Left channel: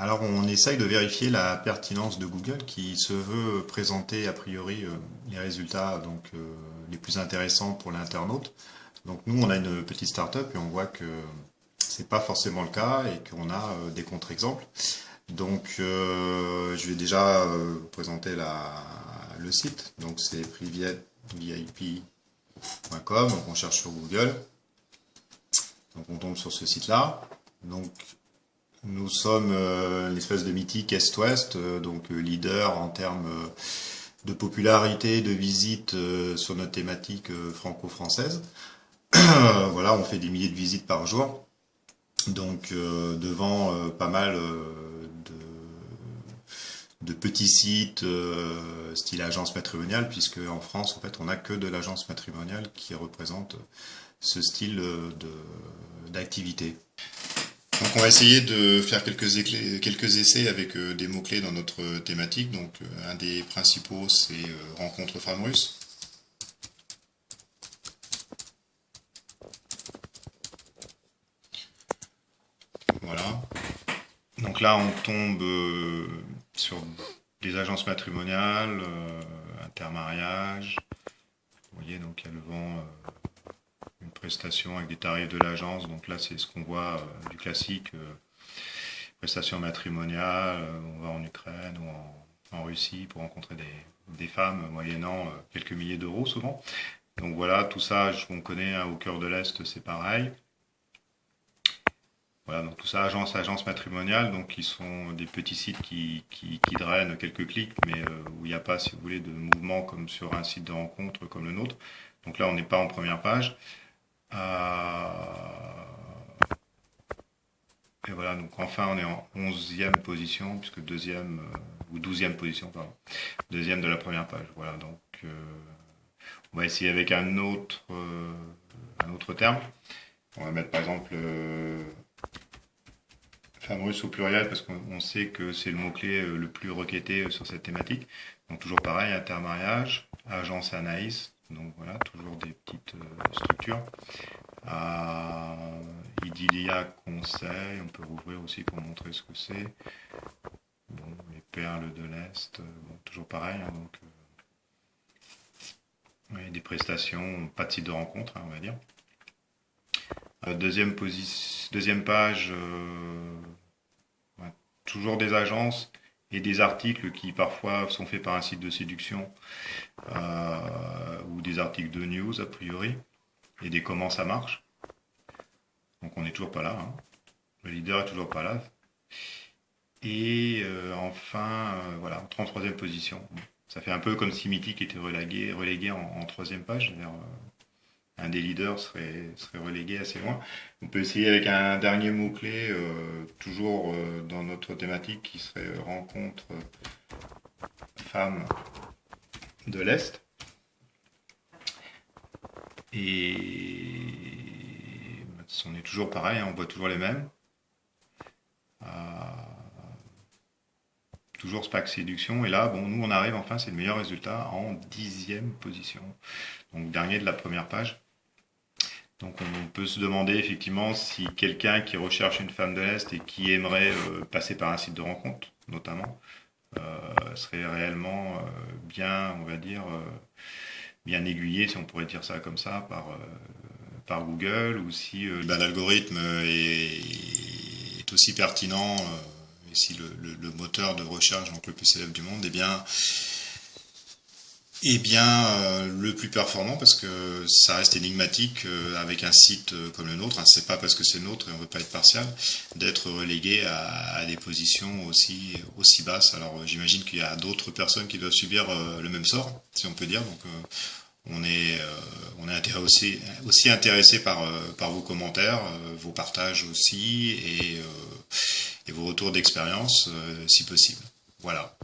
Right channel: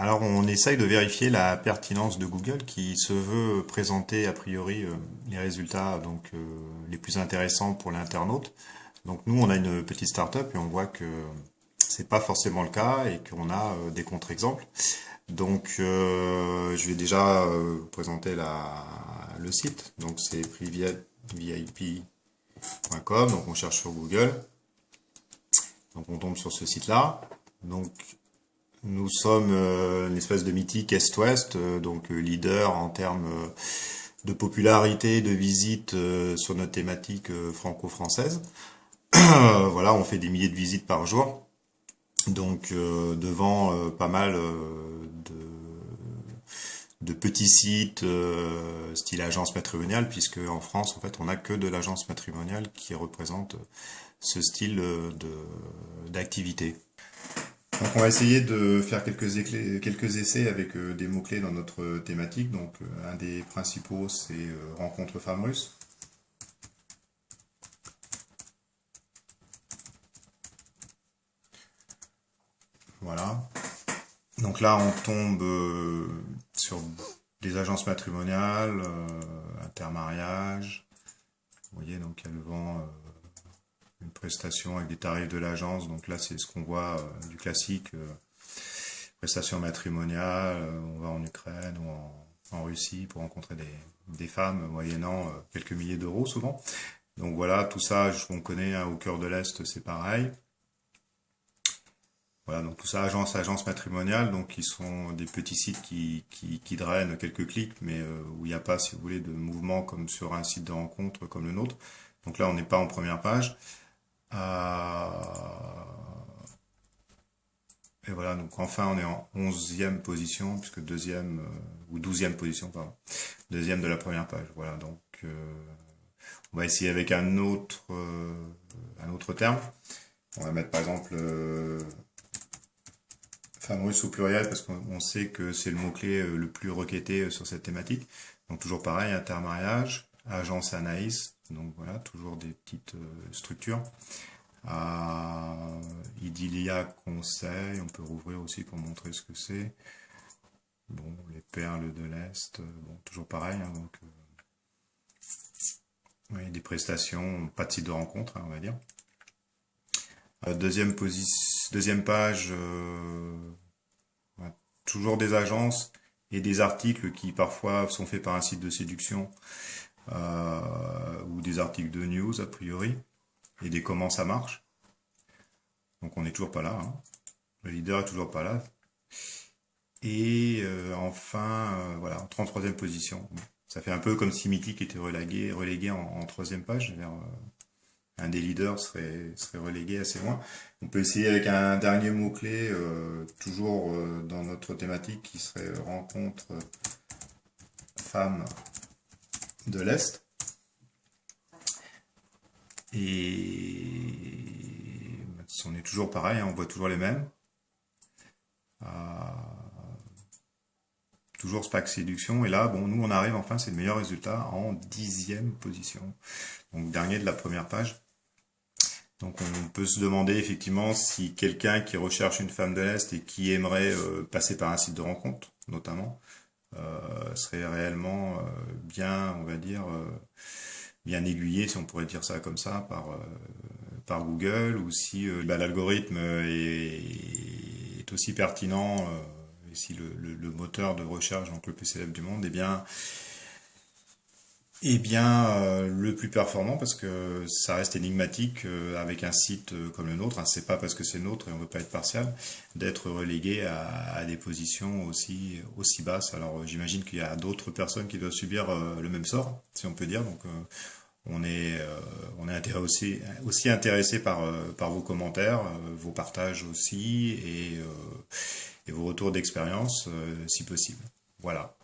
Alors on essaye de vérifier la pertinence de Google qui se veut présenter a priori les résultats les plus intéressants pour l'internaute. Donc nous on a une petite start-up et on voit que c'est pas forcément le cas et qu'on a des contre-exemples. Donc je vais déjà présenter le site. Donc c'est private.vip.com. Donc on cherche sur Google. Donc on tombe sur ce site-là. Donc nous sommes une espèce de mythique Est-Ouest, leader en termes de popularité, de visite sur notre thématique franco-française. Voilà, on fait des milliers de visites par jour, devant pas mal de petits sites style agence matrimoniale, puisque en France, en fait, on n'a que de l'agence matrimoniale qui représente ce style d'activité. Donc on va essayer de faire quelques essais avec des mots-clés dans notre thématique. Donc un des principaux c'est rencontre femme russe. Voilà. Donc là on tombe sur des agences matrimoniales, intermariage. Vous voyez, donc il y a le vent une prestation avec des tarifs de l'agence. Donc là c'est ce qu'on voit du classique. Prestation matrimoniale, on va en Ukraine ou en Russie pour rencontrer des femmes moyennant quelques milliers d'euros souvent. Donc voilà, tout ça, on connaît, hein, au cœur de l'Est, c'est pareil. Voilà, donc tout ça, agence matrimoniale, donc qui sont des petits sites qui drainent quelques clics, mais où il n'y a pas, si vous voulez, de mouvement comme sur un site de rencontre comme le nôtre. Donc là, on n'est pas en première page. Et voilà, donc enfin on est en 11e position, puisque deuxième, ou 12e position, pardon, deuxième de la première page. Voilà, donc on va essayer avec un autre terme. On va mettre par exemple femme russe au pluriel, parce qu'on sait que c'est le mot-clé le plus requêté sur cette thématique. Donc toujours pareil, intermariage, agence Anaïs, donc voilà, toujours des petites structures. Idyllia conseil, on peut rouvrir aussi pour montrer ce que c'est. Bon, les perles de l'Est, bon, toujours pareil, hein, ouais, des prestations, pas de site de rencontre, hein, on va dire. Deuxième page, ouais, toujours des agences et des articles qui parfois sont faits par un site de séduction ou des articles de news a priori, et des comment ça marche. Donc on n'est toujours pas là, hein. Le leader est toujours pas là. Et enfin, voilà, 33e position. Ça fait un peu comme si Mythique était relégué en 3e page. Un des leaders serait relégué assez loin. On peut essayer avec un dernier mot-clé, toujours dans notre thématique, qui serait rencontre femme de l'Est. Et on est toujours pareil, hein, on voit toujours les mêmes. Toujours SPAC séduction, et là, bon, nous on arrive enfin, c'est le meilleur résultat, en 10e position, donc dernier de la première page. Donc on peut se demander effectivement si quelqu'un qui recherche une femme de l'Est et qui aimerait passer par un site de rencontre, notamment, serait réellement bien, on va dire, bien aiguillé, si on pourrait dire ça comme ça, par Google, ou si l'algorithme est aussi pertinent, et si le moteur de recherche donc le plus célèbre du monde est bien le plus performant, parce que ça reste énigmatique avec un site comme le nôtre, hein, c'est pas parce que c'est le nôtre et on ne veut pas être partial d'être relégué à des positions aussi basses. Alors j'imagine qu'il y a d'autres personnes qui doivent subir le même sort, si on peut dire. Donc on est aussi intéressé par vos commentaires, vos partages aussi, et vos retours d'expérience si possible. Voilà.